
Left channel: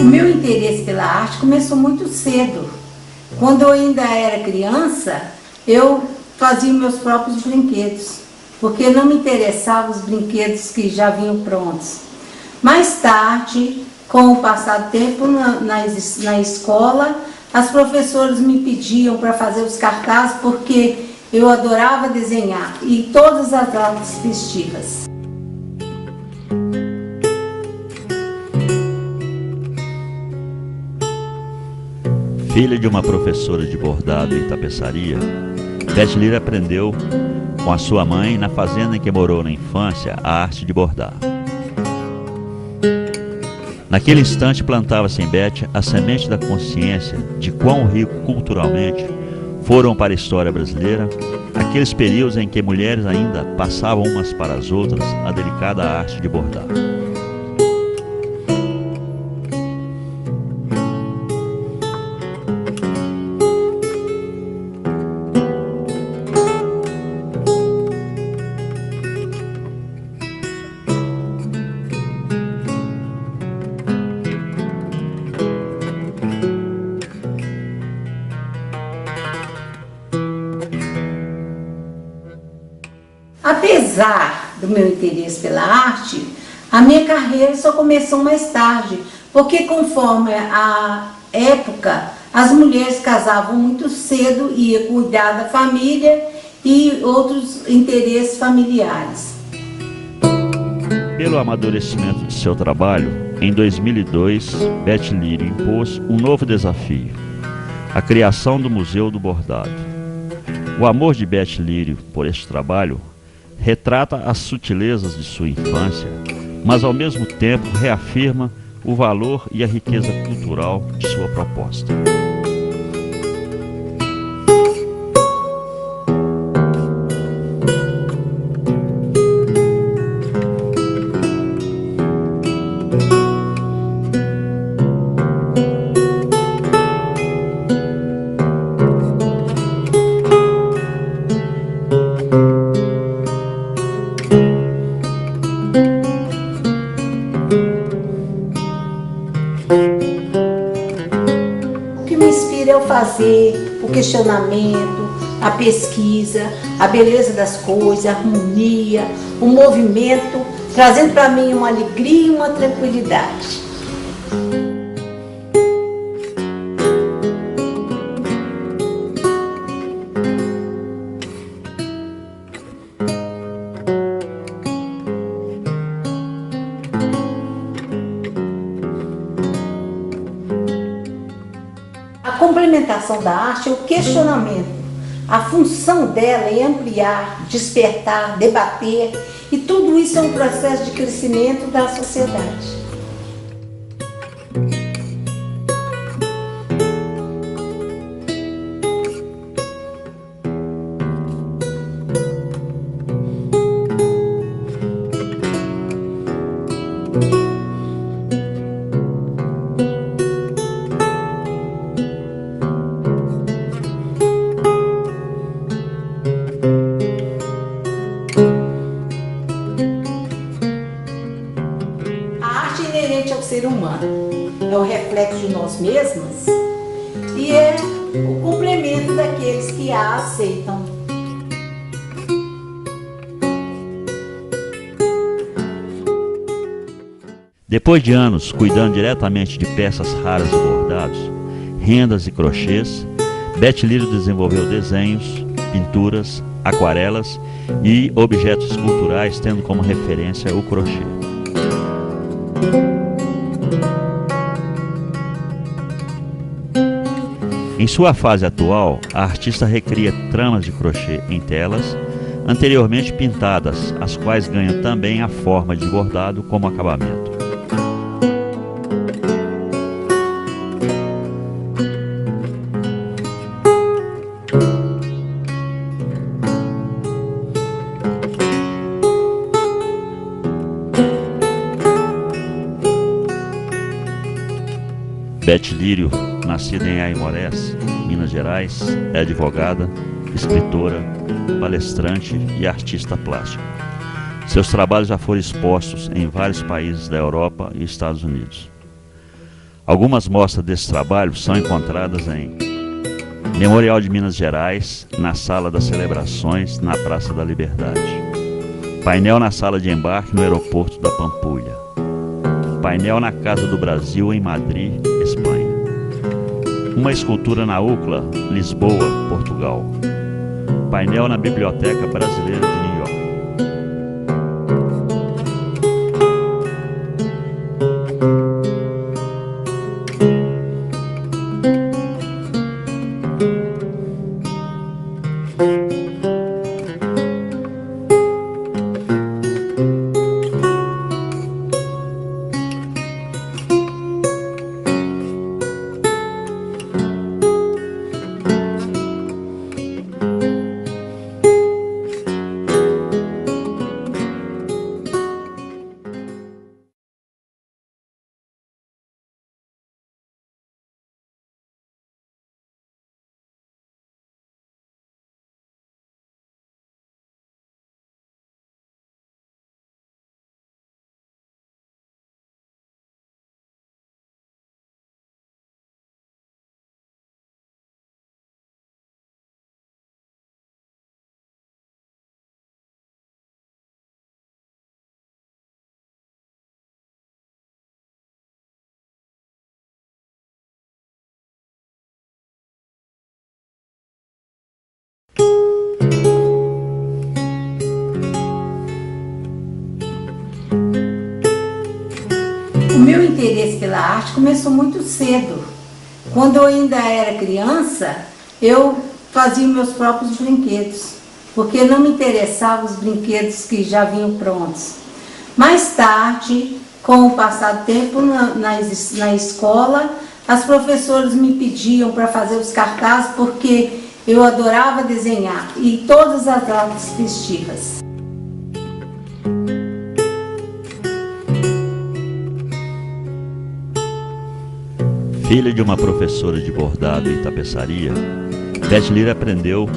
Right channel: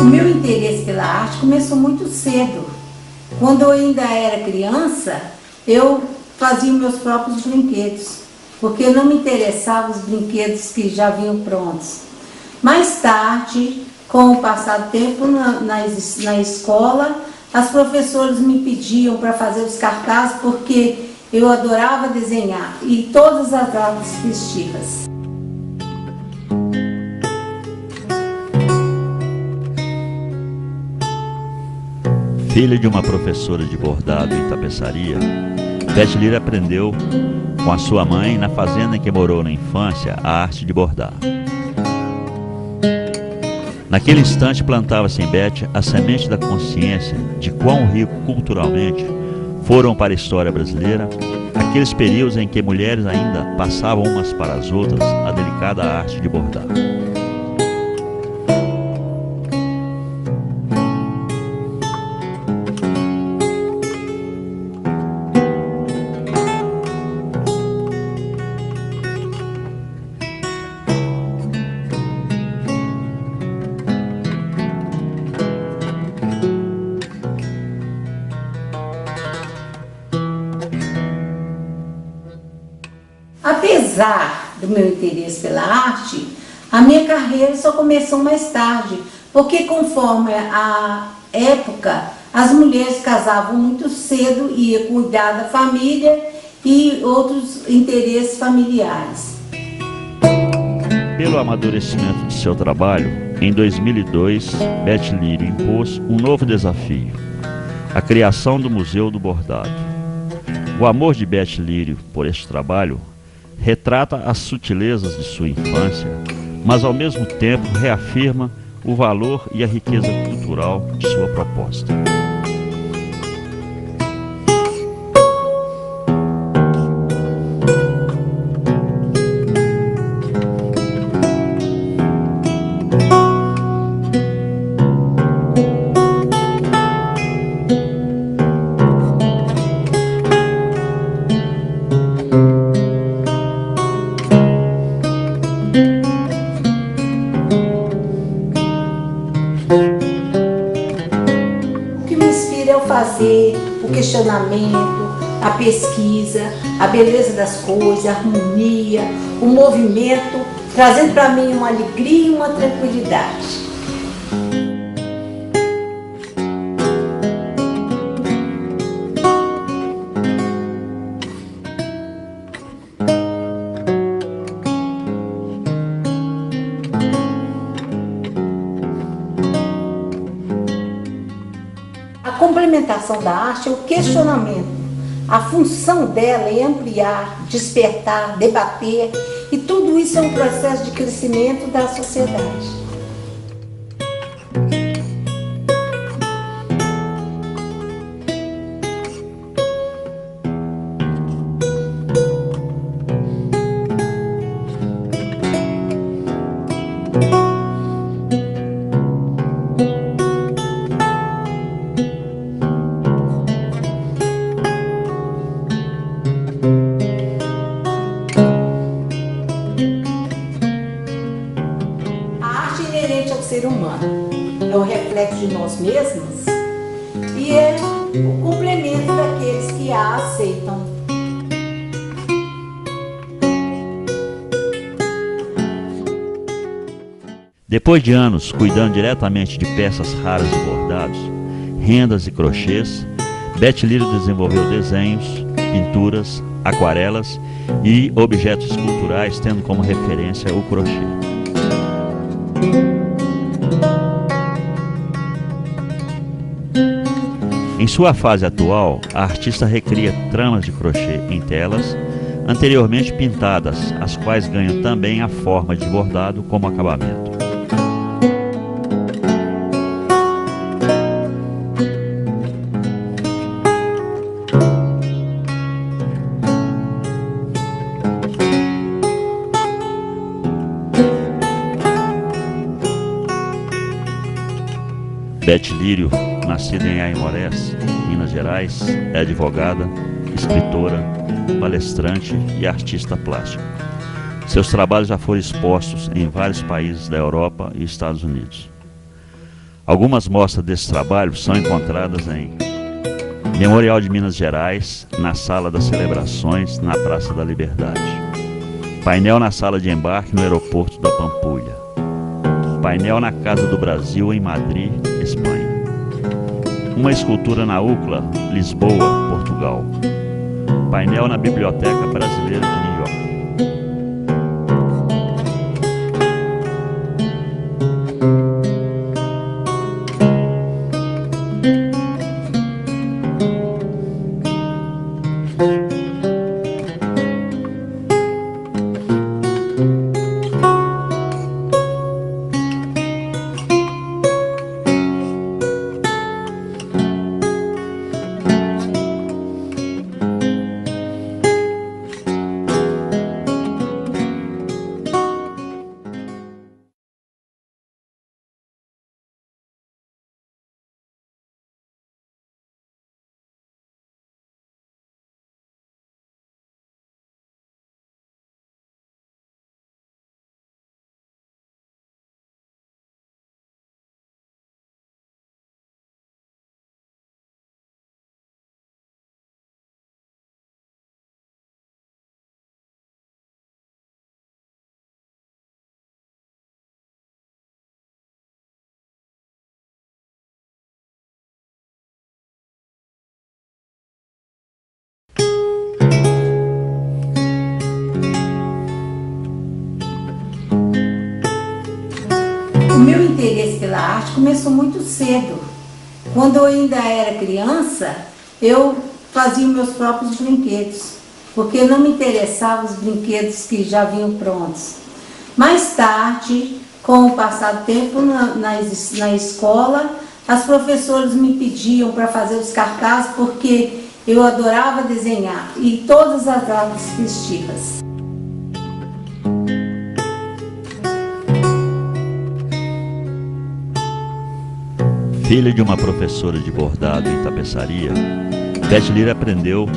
O meu interesse pela arte começou muito cedo. Quando eu ainda era criança, eu fazia meus próprios brinquedos, porque não me interessavam os brinquedos que já vinham prontos. Mais tarde, com o passar do tempo na escola, as professoras me pediam para fazer os cartazes porque eu adorava desenhar e todas as datas festivas. Filha de uma professora de bordado e tapeçaria, Beth Lírio aprendeu com a sua mãe, na fazenda em que morou na infância, a arte de bordar. Naquele instante plantava-se em Beth a semente da consciência de quão rico culturalmente foram para a história brasileira aqueles períodos em que mulheres ainda passavam umas para as outras a delicada arte de bordar. Apesar do meu interesse pela arte, a minha carreira só começou mais tarde, porque conforme a época, as mulheres casavam muito cedo e ia cuidar da família e outros interesses familiares. Pelo amadurecimento de seu trabalho, em 2002, Beth Lírio impôs um novo desafio: a criação do Museu do Bordado. O amor de Beth Lírio por este trabalho retrata as sutilezas de sua infância, mas ao mesmo tempo reafirma o valor e a riqueza cultural de sua proposta. O que me inspira é o fazer, o questionamento, a pesquisa, a beleza das coisas, a harmonia, o movimento, trazendo para mim uma alegria e uma tranquilidade. A complementação da arte é o questionamento. A função dela é ampliar, despertar, debater, e tudo isso é um processo de crescimento da sociedade. A arte é inerente ao ser humano, é o reflexo de nós mesmos e é o complemento daqueles que a aceitam. Depois de anos cuidando diretamente de peças raras de bordados, rendas e crochês, Beth Lírio desenvolveu desenhos, pinturas, aquarelas e objetos culturais, tendo como referência o crochê. Em sua fase atual, a artista recria tramas de crochê em telas, anteriormente pintadas, as quais ganham também a forma de bordado como acabamento. Beth Lírio, nascida em Aimorés, Minas Gerais, é advogada, escritora, palestrante e artista plástica. Seus trabalhos já foram expostos em vários países da Europa e Estados Unidos. Algumas mostras desse trabalho são encontradas em Memorial de Minas Gerais, na Sala das Celebrações, na Praça da Liberdade. Painel na Sala de Embarque, no Aeroporto da Pampulha. Painel na Casa do Brasil, em Madrid, Espanha. Uma escultura na UCLA, Lisboa, Portugal. Painel na Biblioteca Brasileira de New York. O meu interesse pela arte começou muito cedo. Quando eu ainda era criança, eu fazia meus próprios brinquedos, porque não me interessavam os brinquedos que já vinham prontos. Mais tarde, Com o passar do tempo na escola, as professoras me pediam para fazer os cartazes porque eu adorava desenhar e todas as datas festivas. Filha de uma professora de bordado e tapeçaria, Beth Lírio aprendeu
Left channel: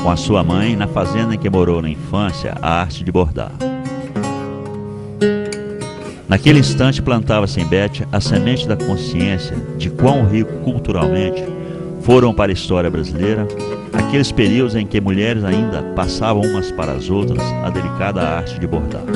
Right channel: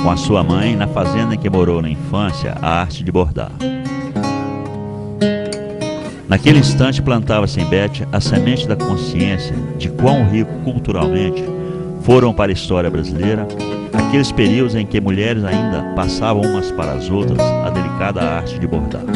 com a sua mãe, na fazenda em que morou na infância, a arte de bordar. Naquele instante plantava-se em Beth a semente da consciência de quão rico culturalmente foram para a história brasileira aqueles períodos em que mulheres ainda passavam umas para as outras a delicada arte de bordar.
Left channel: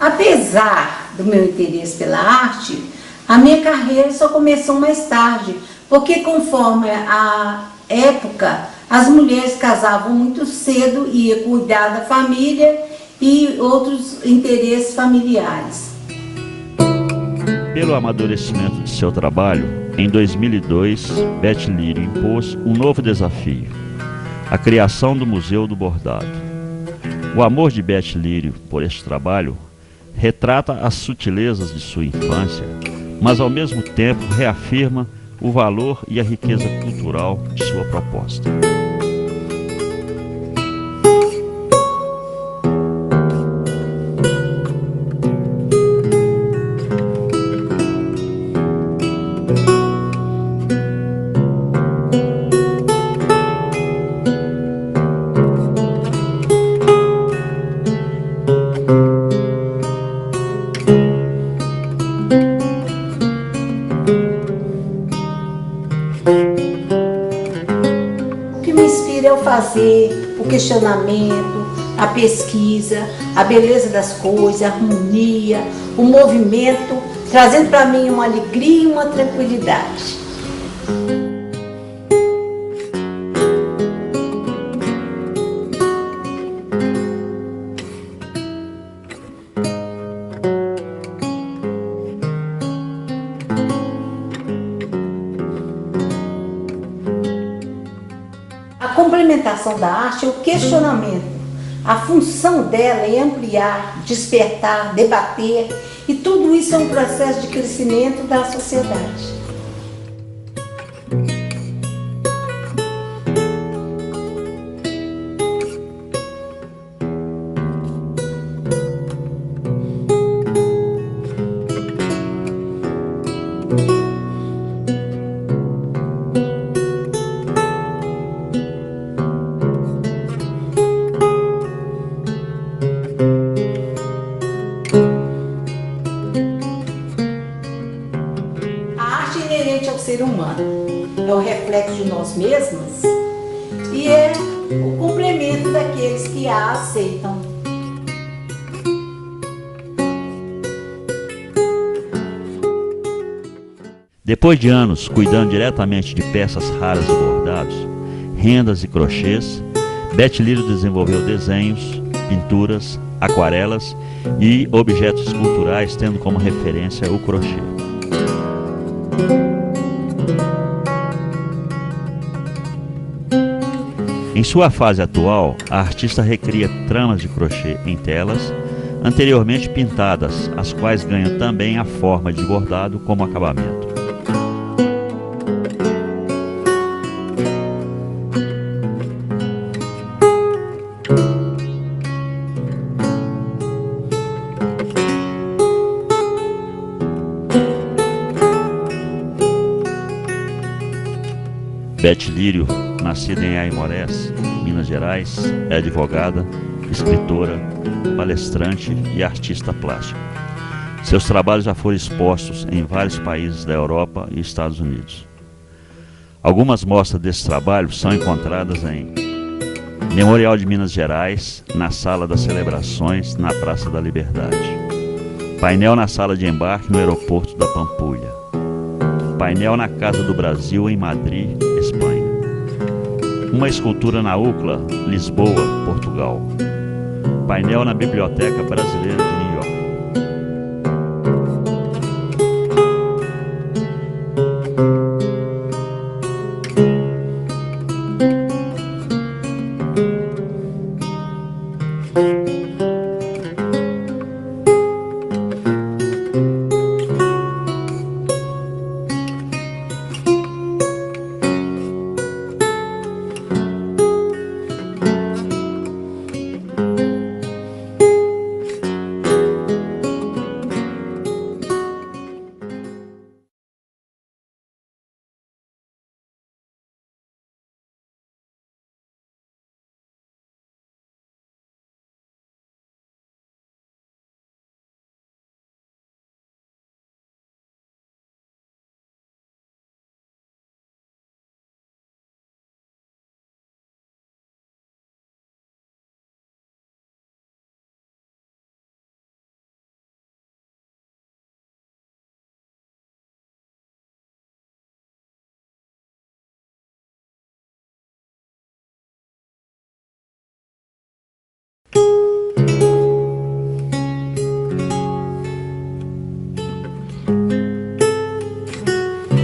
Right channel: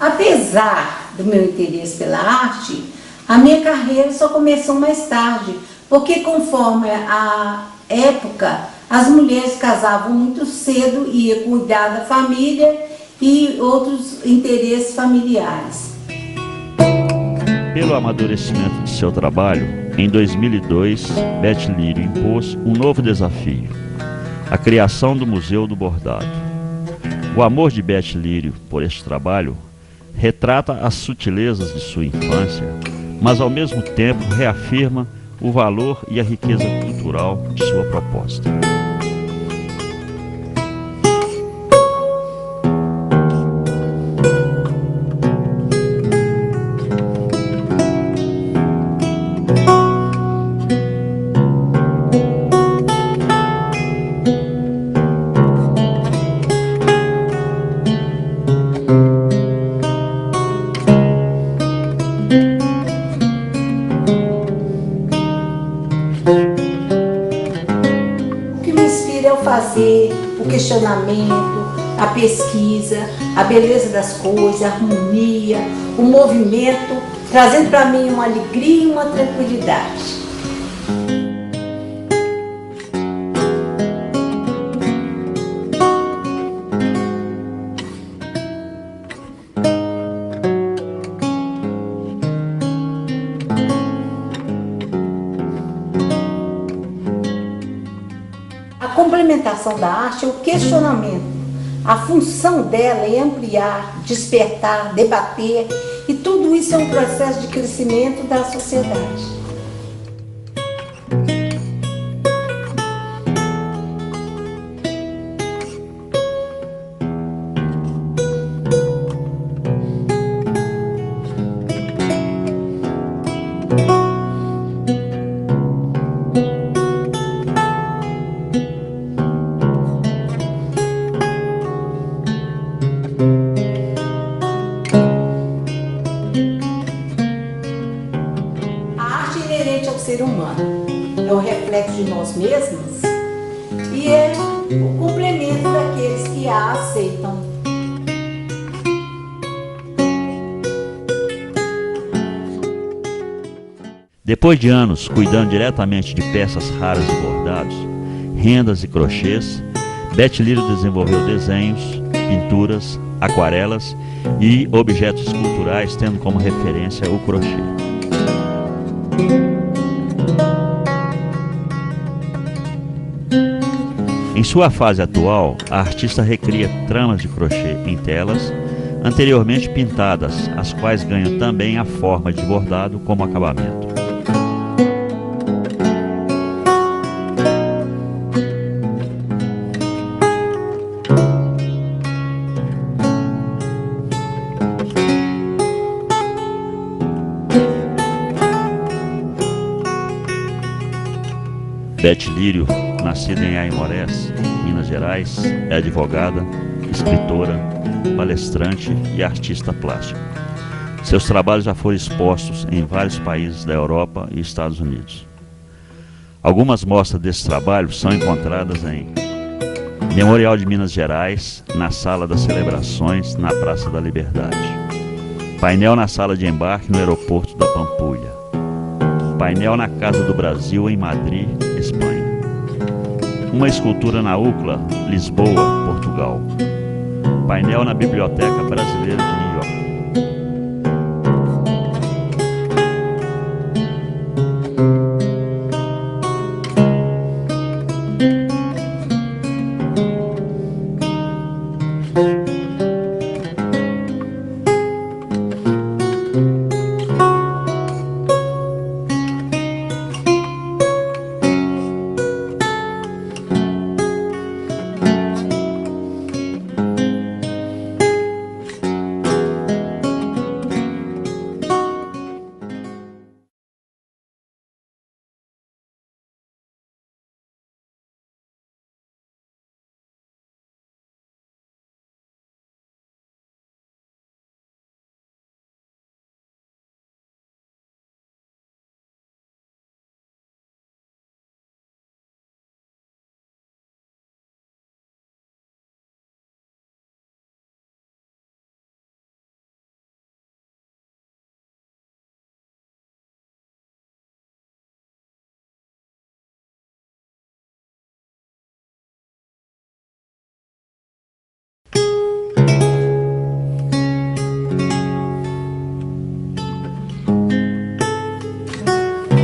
Apesar do meu interesse pela arte, a minha carreira só começou mais tarde, porque conforme a época, as mulheres casavam muito cedo e ia cuidar da família e outros interesses familiares. Pelo amadurecimento de seu trabalho, em 2002, Beth Lírio impôs um novo desafio: a criação do Museu do Bordado. O amor de Beth Lírio por este trabalho retrata as sutilezas de sua infância, mas ao mesmo tempo reafirma o valor e a riqueza cultural de sua proposta. O que me inspira é o fazer, o questionamento, a pesquisa, a beleza das coisas, a harmonia, o movimento, trazendo para mim uma alegria e uma tranquilidade. A complementação da arte é o questionamento. A função dela é ampliar, despertar, debater, e tudo isso é um processo de crescimento da sociedade. A arte é inerente ao ser humano, é o reflexo de nós mesmos e é o complemento daqueles que a aceitam. Depois de anos cuidando diretamente de peças raras de bordados, rendas e crochês, Beth Lírio desenvolveu desenhos, pinturas, aquarelas e objetos esculturais, tendo como referência o crochê. Em sua fase atual, a artista recria tramas de crochê em telas, anteriormente pintadas, as quais ganham também a forma de bordado como acabamento. Beth Lírio, nascida em Aimorés, Minas Gerais, é advogada, escritora, palestrante e artista plástica. Seus trabalhos já foram expostos em vários países da Europa e Estados Unidos. Algumas mostras desse trabalho são encontradas em Memorial de Minas Gerais, na Sala das Celebrações, na Praça da Liberdade. Painel na Sala de Embarque, no Aeroporto da Pampulha. Painel na Casa do Brasil, em Madrid, Espanha. Uma escultura na UCLA, Lisboa, Portugal. Painel na Biblioteca Brasileira de New York.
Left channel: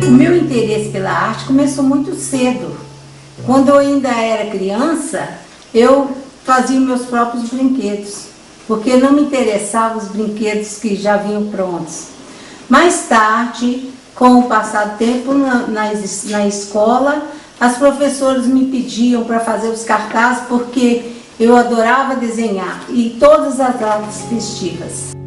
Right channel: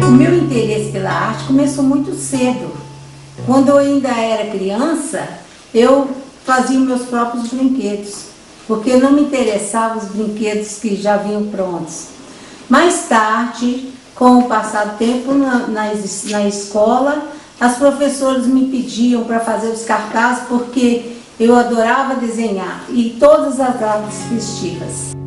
O meu interesse pela arte começou muito cedo. Quando eu ainda era criança, eu fazia meus próprios brinquedos, porque não me interessavam os brinquedos que já vinham prontos. Mais tarde, com o passar do tempo na escola, as professoras me pediam para fazer os cartazes porque eu adorava desenhar, e todas as datas festivas.